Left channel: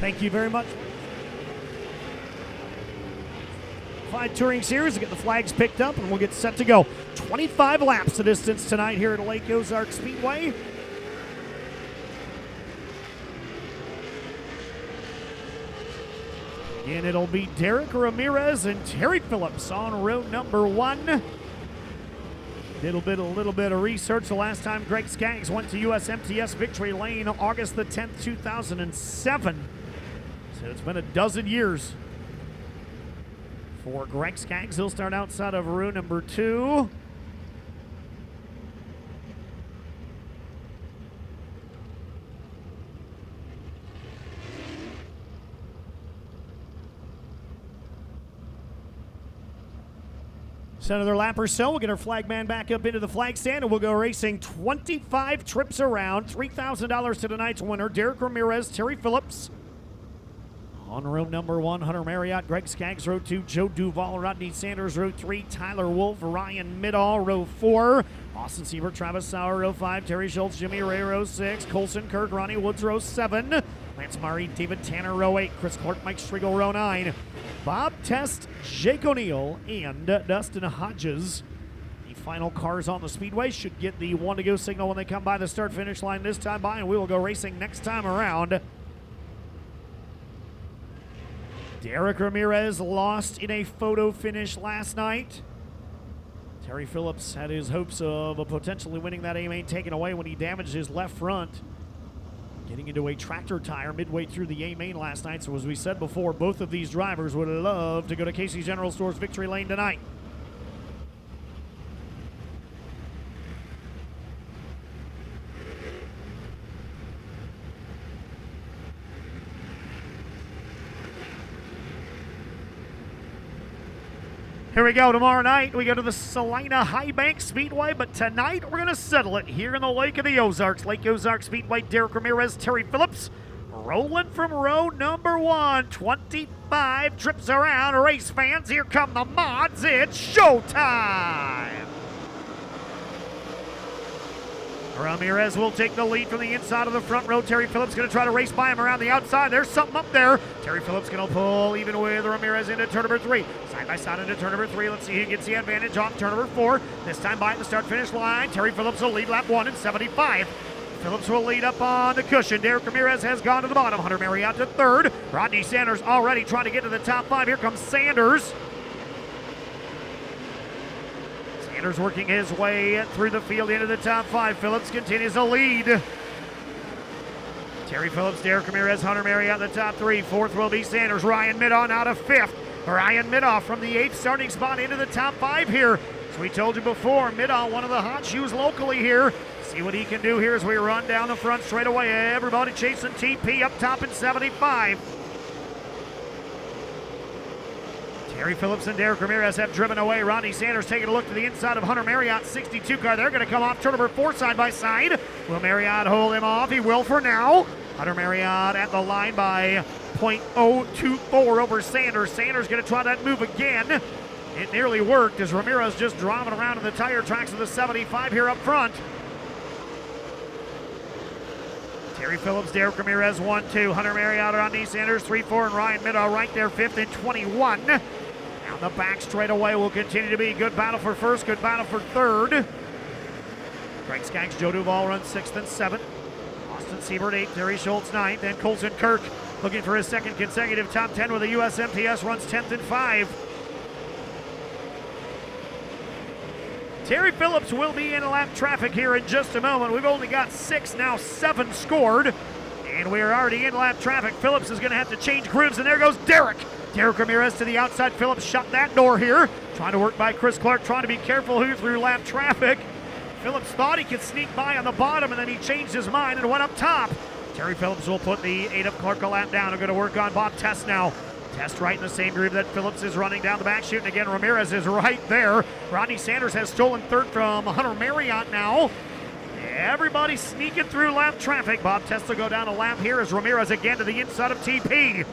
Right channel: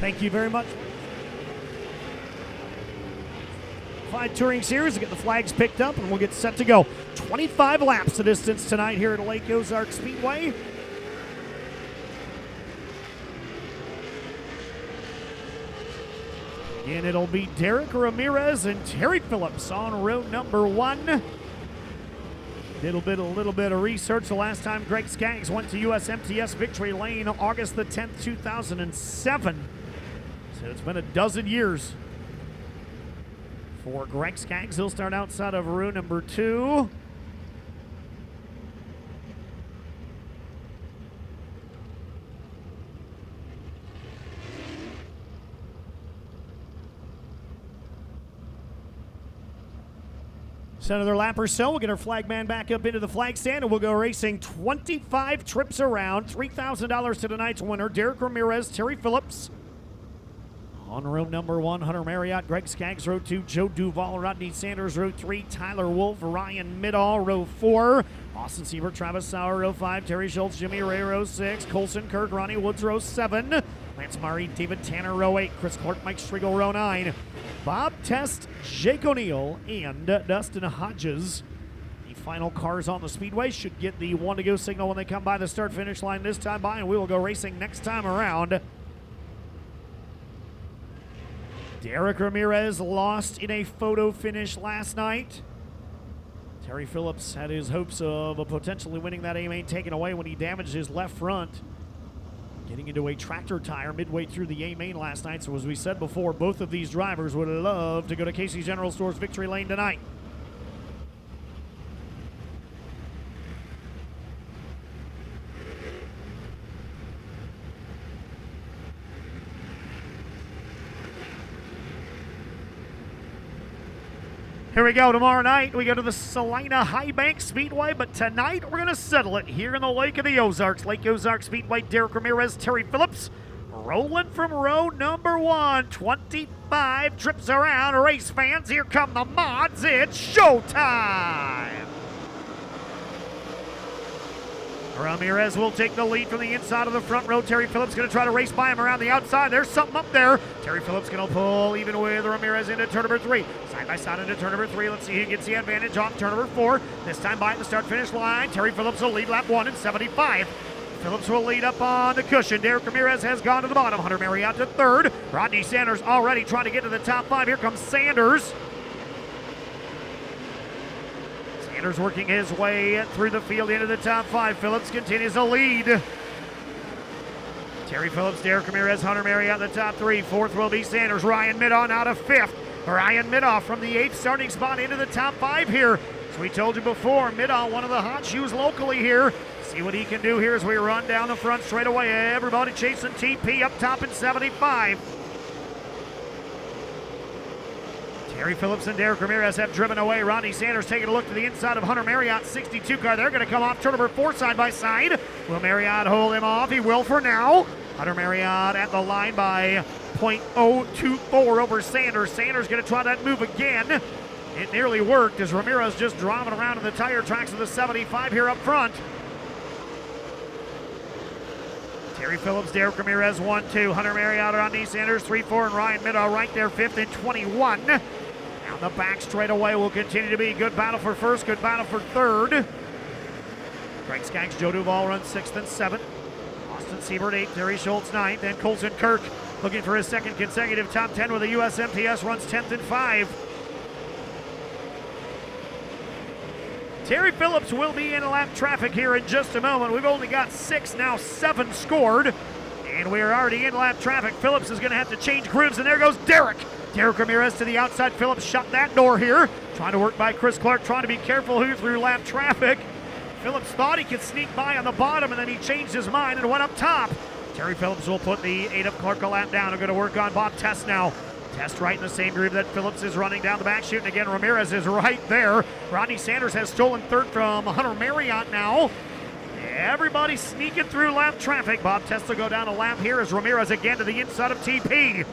Thank you very much. 5 Touring Series to get the flags picked up, and we'll get set to go. 25 laps the distance tonight here at Lake Ozark Speedway. And it'll be Derek Ramirez and Terry Phillips on row number 1. A little bit of research. The last time Greg Skaggs went to USMTS Victory Lane, August the 10th, 2007. So it's been a dozen years for Greg Skaggs. He'll start outside of row number 2. Another lap or so. We'll get our flag man back up into the flag stand, and we'll go racing 25 trips around. $3,000 to tonight's winner, Derek Ramirez, Terry Phillips. On row number 1, Hunter Marriott, Greg Skaggs, row 2, Joe Duval, Rodney Sanders, row 3, Tyler Wolf, Ryan Middahl, row 4, Austin Siebert, Travis Sauer, row 5, Terry Schultz, Jimmy Ray, row 6, Colson Kirk, Ronnie Woods, row 7, Lance Murray, David Tanner, row 8, Chris Clark, Mike Striegel, row 9, Bob Test, Jake O'Neill, and Dustin Hodges. The final cars on the speedway should get the 1 to go signal when they come by the start-finish line this time by, and we will go racing next time around. Derek Ramirez lost in a photo finish last night. Terry Phillips had his hopes of potentially winning that A-main taken away when he damaged his left front, getting into a tractor tire midway through the A-main last night. So as we said before, both of these drivers would love to go to Casey's General Store's Victory Lane tonight. Here we go. Tomorrow night, we go to the Salina High Bank Speedway, but tonight we're going to settle it here in the Lake of the Ozarks. Lake Ozark Speedway, Derek Ramirez, Terry Phillips, rolling from row number 1. 25 trips around. Race fans, here come the mods. It's showtime. Ramirez will take the lead from the inside of the front row. Terry Phillips going to try to race by him around the outside. There's something up there. Terry Phillips going to pull even with Ramirez into turn number 3. Side by side into turn number 3. Let's see who gets the advantage on turn number 4. This time by the start-finish line. Terry Phillips will lead lap 1 in 75. Phillips will lead up on the cushion. Derek Ramirez has gone to the bottom. Hunter Marriott to 3rd. Rodney Sanders already trying to get to the top 5. Here comes Sanders. Sanders working his way through the field into the top 5. Phillips continues to lead. Terry Phillips, Derek Ramirez, Hunter Marriott in the top 3. 4th will be Sanders. Ryan Middahl out of 5th. Ryan Middahl from the 8th starting spot into the top 5 here. As we told you before, Middahl, one of the hot shoes locally here. See what he can do here as we run down the front straight away. Everybody chasing TP up top in 75. Terry Phillips and Derek Ramirez have driven away. Rodney Sanders taking a look to the inside of Hunter Marriott's 62 car. They're going to come off turn number 4 side by side. Will Marriott hold him off? He will for now. Hunter Marriott at the line by .024 over Sanders. Sanders going to try that move again. It nearly worked as Ramirez just driving around in the tire tracks of the 75 here up front. Terry Phillips, Derek Ramirez, 1-2. Hunter Marriott, Rodney Sanders, 3-4, and Ryan Middahl right there, 5th and 21. Down the back straightaway will continue to be good battle for 1st, good battle for 3rd. Greg Skaggs, Joe Duval runs 6th and 7th. Austin Siebert, 8th, Terry Schultz, 9th, and Colson Kirk looking for his 2nd consecutive top 10 with the USMTS, runs 10th and 5. Terry Phillips will be in lap traffic here in just a moment. We've only got 6, now 7 scored, and we're already in lap traffic. Phillips is going to have to change grooves, and there goes Derek. Derek Ramirez to the outside. Phillips shut that door here. Trying to work by Chris Clark, trying to be careful who through lap traffic. Phillips thought he could sneak by on the bottom, and then he changed his mind and went up top. Terry Phillips will put the 8 of Clark a lap down. They're going to work on Bob Test now. Test right in the same groove that Phillips is running down the back chute. And again, Ramirez is right there. Rodney Sanders has stolen 3rd from Hunter Marriott now. Everybody sneaking through lap traffic. Bob Test will go down a lap here as Ramirez again to the inside of TP.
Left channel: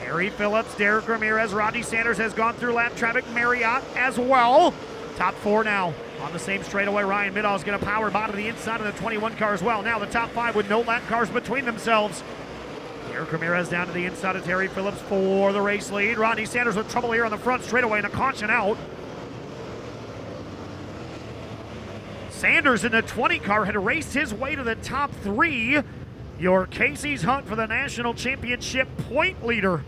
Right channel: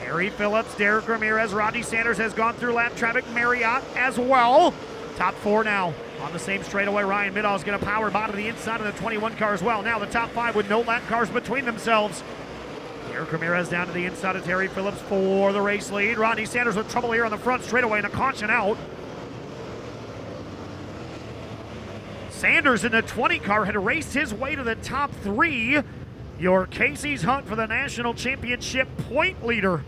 Terry Phillips, Derek Ramirez, Rodney Sanders has gone through lap traffic. Marriott as well. Top 4 now. On the same straightaway, Ryan Middahl is going to power bottom to the inside of the 21 car as well. Now the top 5 with no lap cars between themselves. Derek Ramirez down to the inside of Terry Phillips for the race lead. Rodney Sanders with trouble here on the front straightaway and a caution out. Sanders in the 20 car had raced his way to the top 3. Your Casey's hunt for the national championship point leader.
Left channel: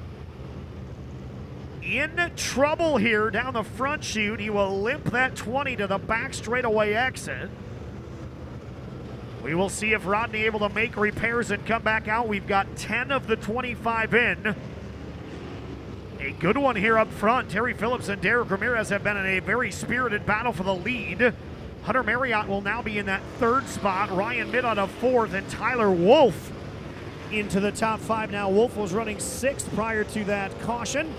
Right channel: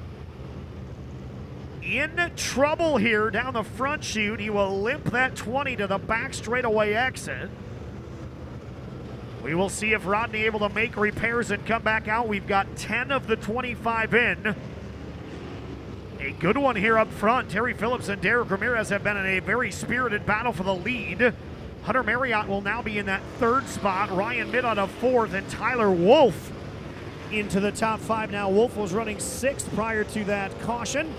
In trouble here down the front chute. He will limp that 20 to the back straightaway exit. We will see if Rodney able to make repairs and come back out. We've got 10 of the 25 in. A good one here up front. Terry Phillips and Derek Ramirez have been in a very spirited battle for the lead. Hunter Marriott will now be in that 3rd spot. Ryan Midd on a 4th, and Tyler Wolf into the top 5 now. Wolf was running 6th prior to that caution.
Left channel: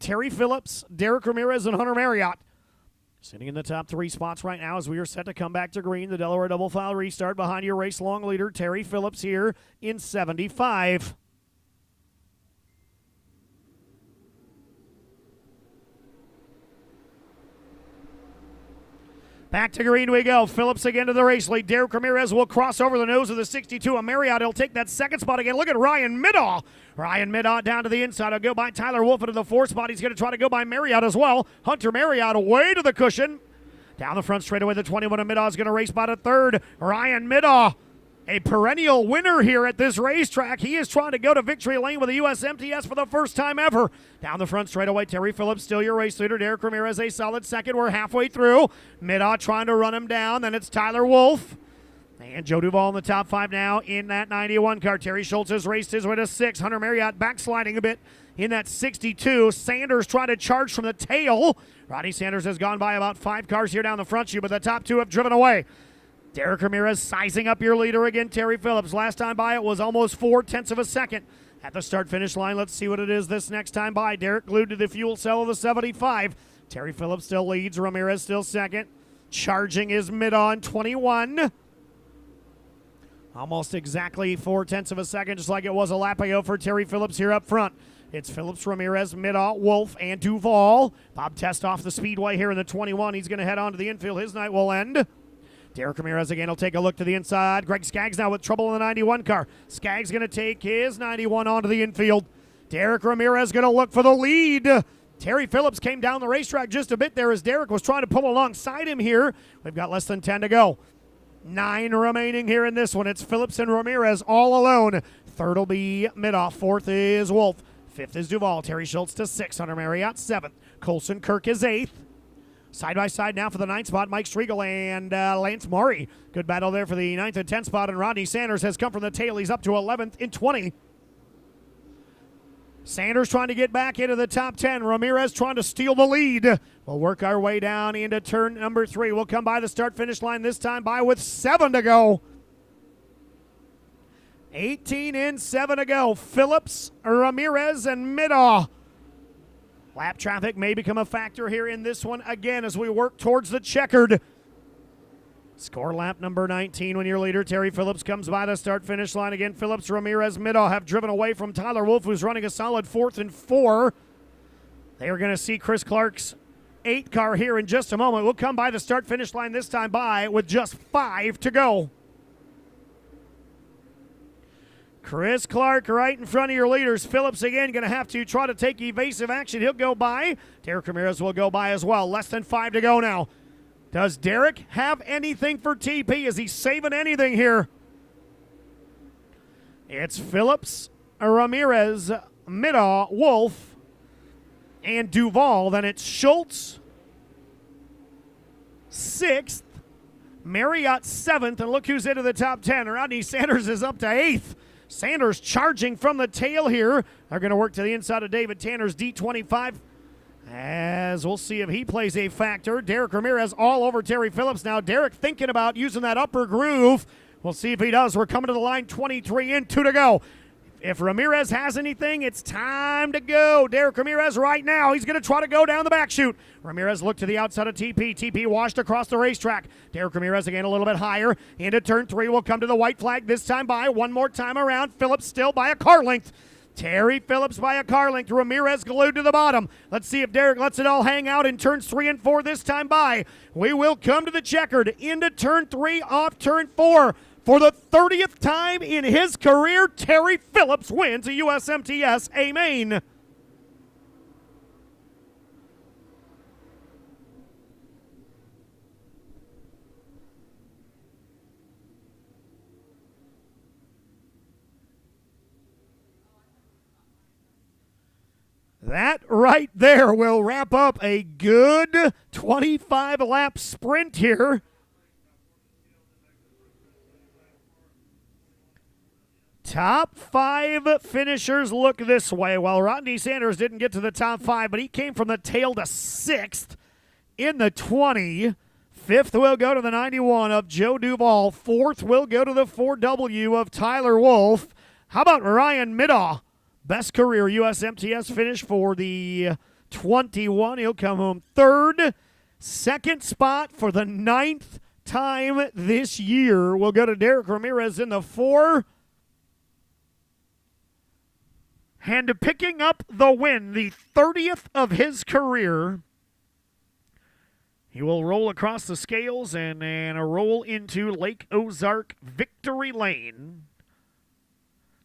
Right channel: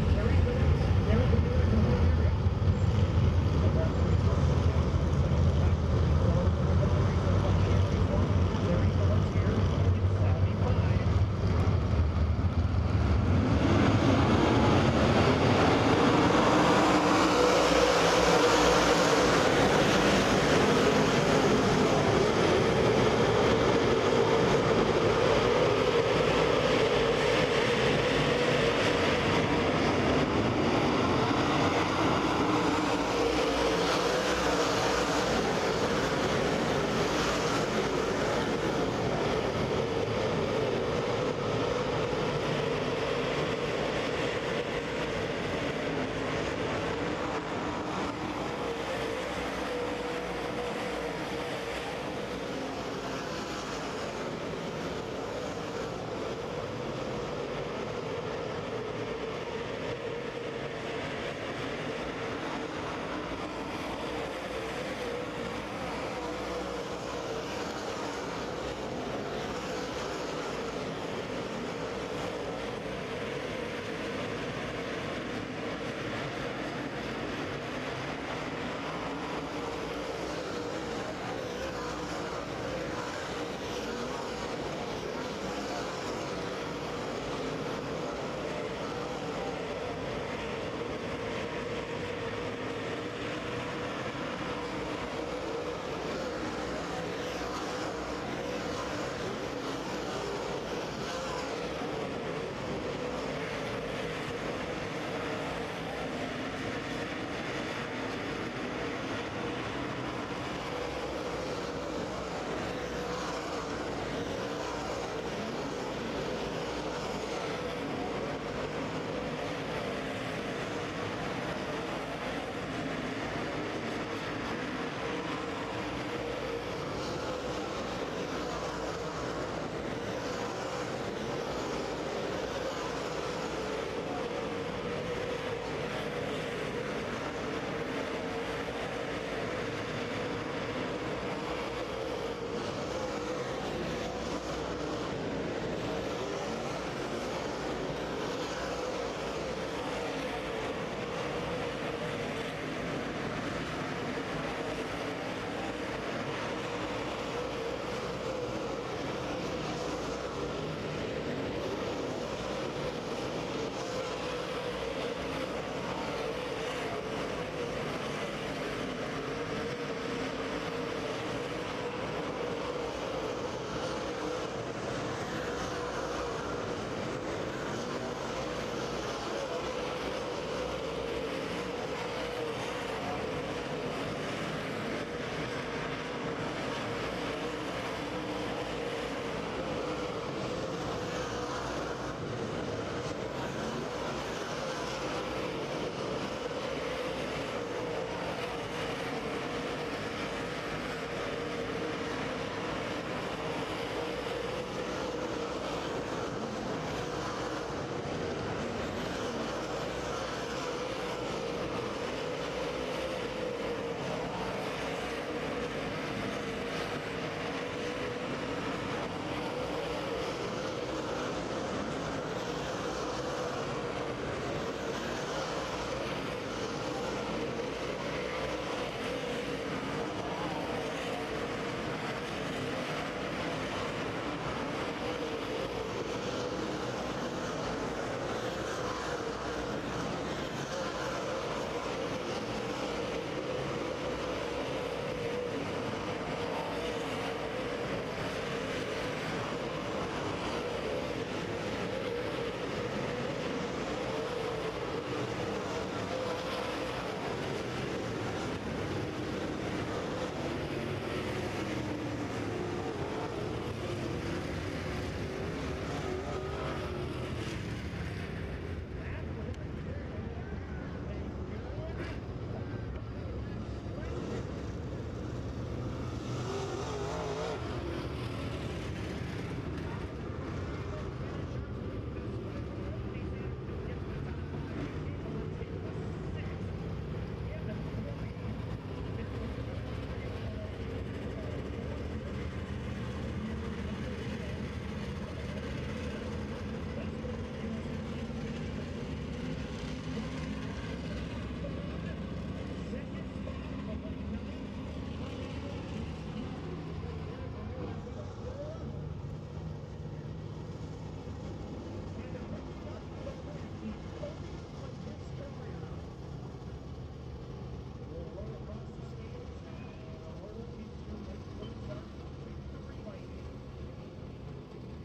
Terry Phillips, Derek Ramirez, and Hunter Marriott in the top 3 spots right now as we are set to come back to green. The Delaware double file restart behind your race long leader, Terry Phillips, here in 75. Back to green we go. Phillips again to the race lead. Derek Ramirez will cross over the nose of the 62 of Marriott. He'll take that 2nd spot again. Look at Ryan Middaugh. Ryan Middaugh down to the inside. He'll go by Tyler Wolf into the 4th spot. He's going to try to go by Marriott as well. Hunter Marriott away to the cushion. Down the front straightaway, the 21 of Middaugh is going to race by the 3rd. Ryan Middaugh, a perennial winner here at this racetrack. He is trying to go to victory lane with the USMTS for the first time ever. Down the front straightaway, Terry Phillips still your race leader. Derek Ramirez a solid 2nd. We're halfway through. Middaugh trying to run him down. Then it's Tyler Wolf. And Joe Duvall in the top 5 now in that 91 car. Terry Schultz has raced his way to 6. Hunter Marriott backsliding a bit in that 62. Sanders trying to charge from the tail. Ronnie Sanders has gone by about 5 cars here down the front chute, but the top 2 have driven away. Derek Ramirez sizing up your leader again, Terry Phillips. Last time by it was almost 0.4 of a second. At the start-finish line, let's see what it is this next time by. Derek glued to the fuel cell of the 75. Terry Phillips still leads. Ramirez still 2nd. Charging is mid-on 21. Almost exactly 0.4 of a second, just like it was a lap ago for Terry Phillips here up front. It's Phillips, Ramirez, Middaugh, Wolf, and Duvall. Bob Test off the speedway here in the 21. He's going to head on to the infield. His night will end. Derek Ramirez again will take a look to the inside. Greg Skaggs now with trouble in the 91 car. Skaggs going to take his 91 onto the infield. Derek Ramirez going to look for the lead. Terry Phillips came down the racetrack just a bit there as Derek was trying to pull alongside him here. They've got less than 10 to go. 9 remaining here in this one. It's Phillips and Ramirez all alone. 3rd will be Middaugh. 4th is Wolf. 5th is Duvall. Terry Schultz to 6. Hunter Marriott 7. Colson Kirk is 8th. Side by side now for the 9th spot, Mike Striegel and Lance Murray. Good battle there for the 9th and 10th spot, and Rodney Sanders has come from the tail. He's up to 11th in 20. Sanders trying to get back into the top 10. Ramirez trying to steal the lead. We'll work our way down into turn number 3. We'll come by the start-finish line this time by with 7 to go. 18 in, 7 to go. Phillips, Ramirez, and Middaugh. Lap traffic may become a factor here in this one again as we work towards the checkered. Score lap number 19 when your leader Terry Phillips comes by the start-finish line again. Phillips, Ramirez, Middaugh have driven away from Tyler Wolf, who's running a solid 4th and 4. They are going to see Chris Clark's 8 car here in just a moment. We'll come by the start-finish line this time by with just 5 to go. Chris Clark right in front of your leaders. Phillips again going to have to try to take evasive action. He'll go by. Derek Ramirez will go by as well. Less than 5 to go now. Does Derek have anything for TP? Is he saving anything here? It's Phillips, Ramirez, Middaugh, Wolf, and Duvall. Then it's Schultz, 6th, Marriott 7th, and look who's into the top 10. Rodney Sanders is up to 8th. Sanders charging from the tail here. They're going to work to the inside of David Tanner's D25. As we'll see if he plays a factor. Derek Ramirez all over Terry Phillips now. Derek thinking about using that upper groove. We'll see if he does. We're coming to the line, 23 in, 2 to go. If Ramirez has anything, it's time to go. Derek Ramirez right now. He's going to try to go down the back chute. Ramirez looked to the outside of TP. TP washed across the racetrack. Derek Ramirez again a little bit higher. Into turn 3 will come to the white flag this time by. One more time around. Phillips still by a car length. Terry Phillips by a car length. Ramirez glued to the bottom. Let's see if Derek lets it all hang out in turns 3 and 4 this time by. We will come to the checkered, into turn 3, off turn 4. For the 30th time in his career, Terry Phillips wins a USMTS A-Main. That right there will wrap up a good 25-lap sprint here. Top 5 finishers look this way. Well, Rodney Sanders didn't get to the top 5, but he came from the tail to 6th in the 20. 5th will go to the 91 of Joe Duvall. 4th will go to the 4W of Tyler Wolf. How about Ryan Middaugh? Best career USMTS finish for the 21. He'll come home 3rd. 2nd spot for the 9th time this year will go to Derek Ramirez in the 4. And picking up the win, the 30th of his career. He will roll across the scales and roll into Lake Ozark Victory Lane.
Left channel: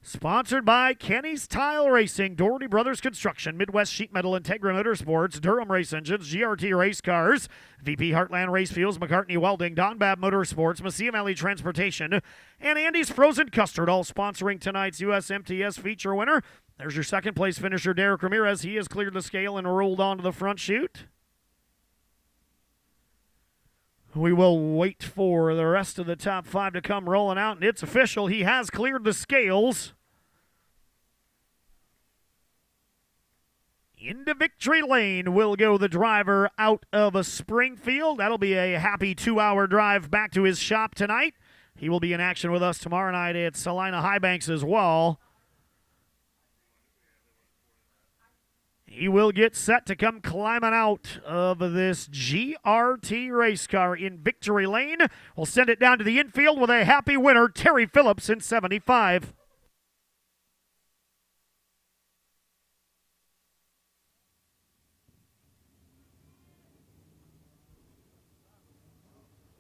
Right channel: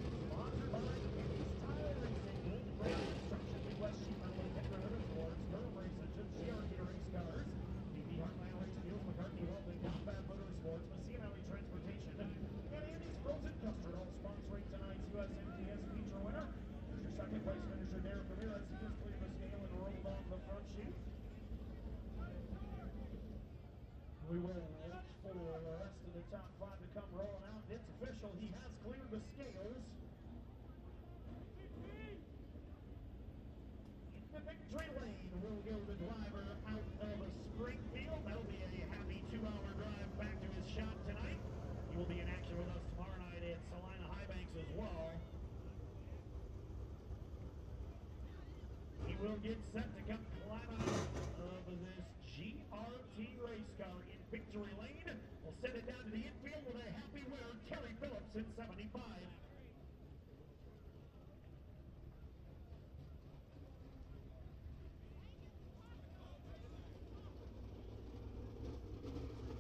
Sponsored by Kenny's Tile Racing, Doherty Brothers Construction, Midwest Sheet Metal, Integra Motorsports, Durham Race Engines, GRT Race Cars, VP Heartland Race Fuels, McCartney Welding, Don Babb Motorsports, Mesilla Valley Transportation, and Andy's Frozen Custard, all sponsoring tonight's USMTS feature winner. There's your 2nd place finisher, Derek Ramirez. He has cleared the scale and rolled onto the front chute. We will wait for the rest of the top 5 to come rolling out, and it's official. He has cleared the scales. Into victory lane will go the driver out of Springfield. That'll be a happy 2-hour drive back to his shop tonight. He will be in action with us tomorrow night at Salina Highbanks as well. He will get set to come climbing out of this GRT race car in victory lane. We'll send it down to the infield with a happy winner, Terry Phillips in 75.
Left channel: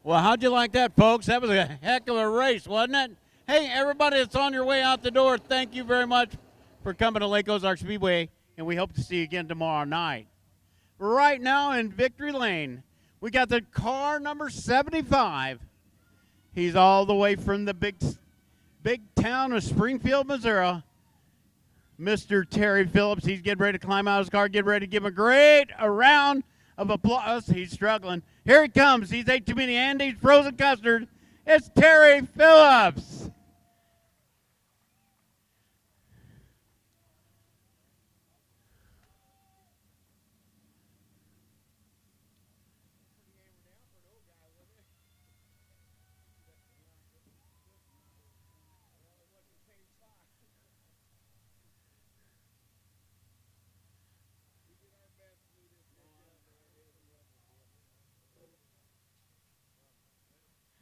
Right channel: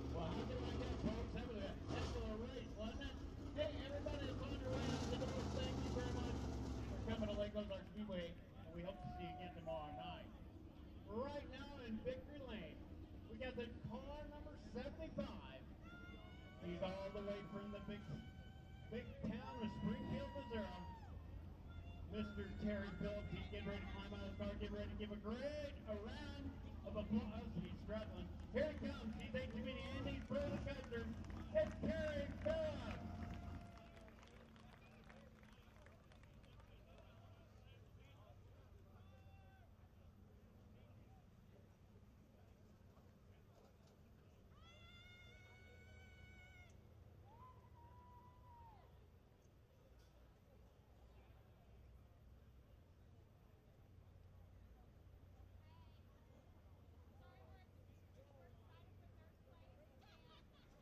Well, how'd you like that, folks? That was a heck of a race, wasn't it? Hey, everybody that's on your way out the door, thank you very much for coming to Lake Ozark Speedway, and we hope to see you again tomorrow night. Right now in Victory Lane, we got the car number 75. He's all the way from the big town of Springfield, Missouri. Mr. Terry Phillips, he's getting ready to climb out of his car, get ready to give him a round of applause. He's struggling. Here he comes. He's ate too many Andy's Frozen Custard. It's Terry Phillips.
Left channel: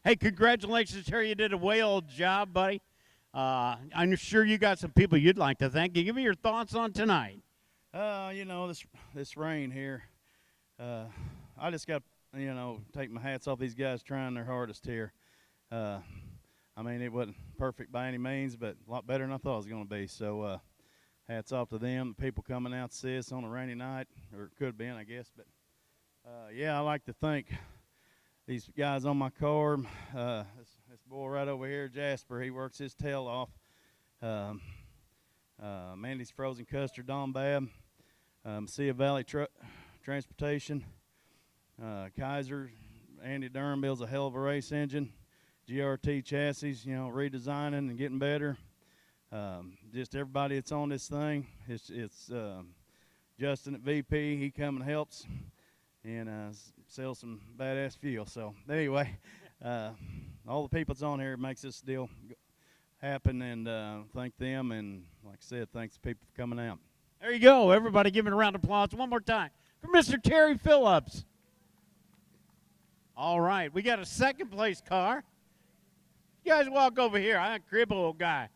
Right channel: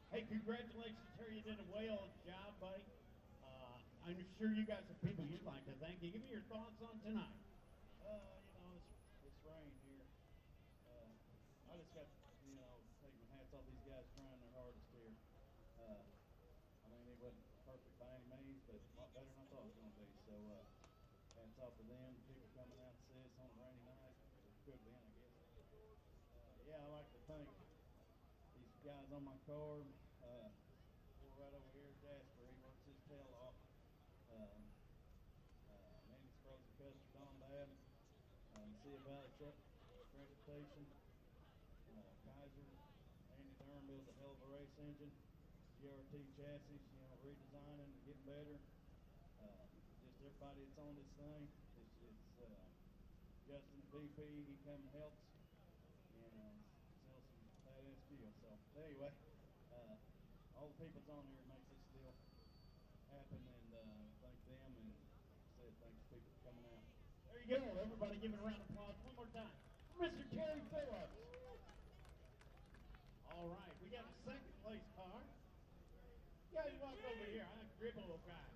Hey, congratulations, Terry. You did a whale job, buddy. I'm sure you got some people you'd like to thank. Give me your thoughts on tonight. You know, this rain here, I just got, take my hats off these guys trying their hardest here. I mean, it wasn't perfect by any means, but a lot better than I thought it was going to be. So hats off to them, the people coming out to see us on a rainy night, or it could have been, I guess. But, yeah, I like to thank these guys on my car. This boy right over here, Jasper, he works his tail off. Mandy's Frozen Custard, Don Babb, Mesilla Valley Transportation, Kaiser, Andy Durham builds a hell of a race engine, GRT chassis, redesigning and getting better. Just everybody that's on this thing. It's Justin at VP, he come and helps, and sell some badass fuel. So anyway, all the people that's on here makes this deal happen, and thank them, and like I said, thanks the people for coming out. There you go. Everybody give it a round of applause one more time for Mr. Terry Phillips. All right, we got a second place car. You guys walk over here. I'm a crib old guy.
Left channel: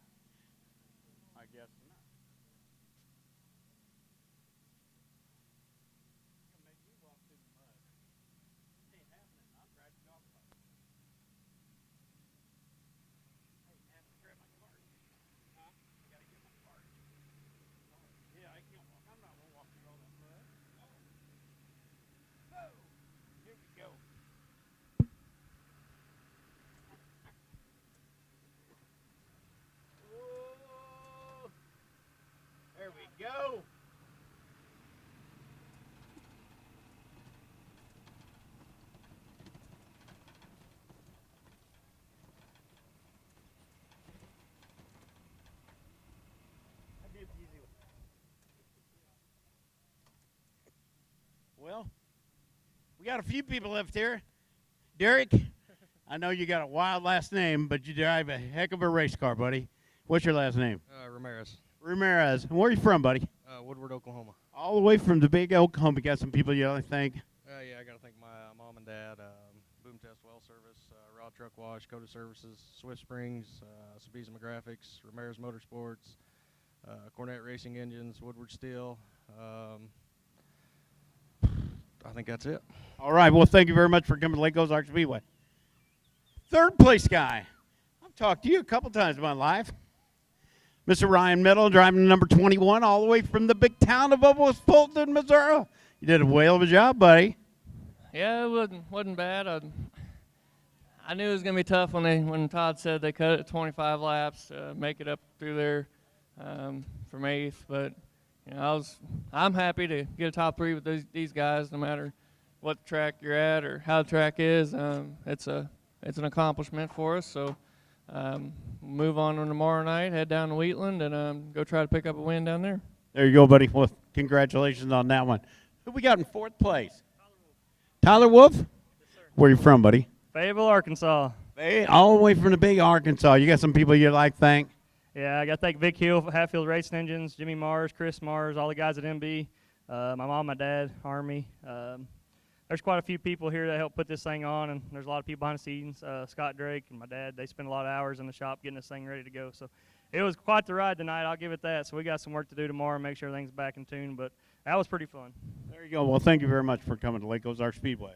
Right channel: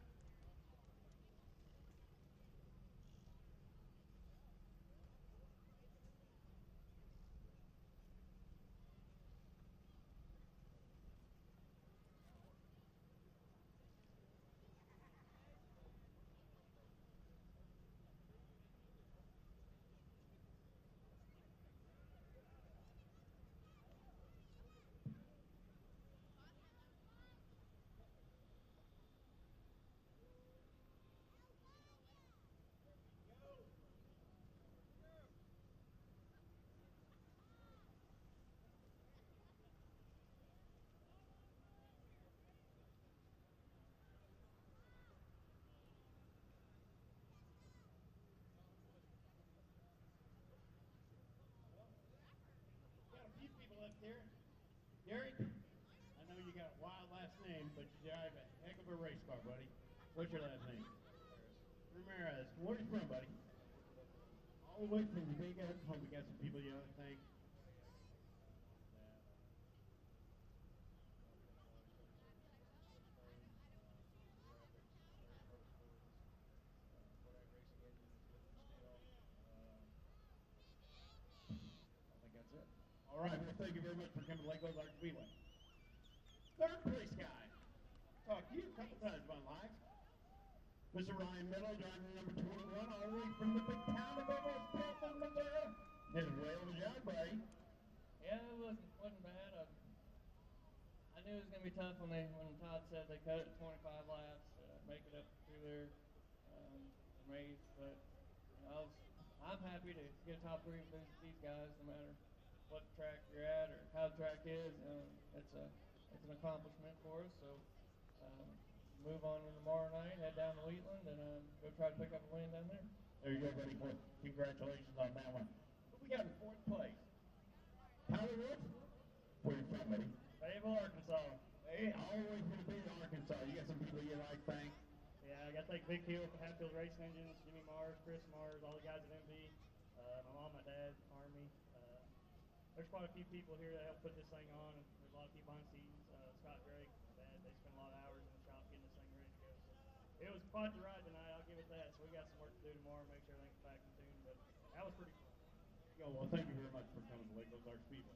We got a few people left here. Derek, I know you got a wild last name, but you drive a heck of a race car, buddy. What's your last name? Ramirez. Ramirez. And where are you from, buddy? Woodward, Oklahoma. All the way from the big Oklahoma. Got some people you ought to thank. Yeah, I got to thank my mom and dad, Boom Test Well Service, Raw Truck Wash, Coda Services, Swift Springs, Sabizma Graphics, Ramirez Motorsports, Cornette Racing Engines, Woodward Steel. I think that's it. All right. Well, thank you very much for coming to Lake Ozark Speedway. Third place guy. I've talked to you a couple times in my life. Mr. Ryan Middle, driving number 21, all the way from the big town of West Fulton, Missouri. You did a whale of a job, buddy. Yeah, it wasn't bad. I knew it was gonna be tough when Todd said they cut it 25 laps to make it up through there from 8th. But you know, I'm happy to get a top 3 with these guys, no matter what track you're at or how the track is. It's an accomplishment for us. So. Move on tomorrow night, head down to Wheatland, and go try to pick up a win down there. There you go, buddy. Well, congratulations on that one. Who we got in 4th place? Tyler Wolf? Yes, where you from, buddy? Fayetteville, Arkansas. Hey, all the way from the big Arkansas. You got some people you'd like to thank? Yeah, I got to thank Vic Hill, Hatfield Racing Engines, Jimmy Mars, Chris Mars, all the guys at MB, my mom, my dad, Army. There's quite a few people here that help put this thing on, and there's a lot of people behind the scenes. Scott Drake and my dad, they spend a lot of hours in the shop getting this thing ready to go. So it was quite the ride tonight, I'll give it that. So we got some work to do tomorrow and make sure everything's back in tune, but that was pretty fun. There you go. Well, thank you very much for coming to Lake Ozark Speedway.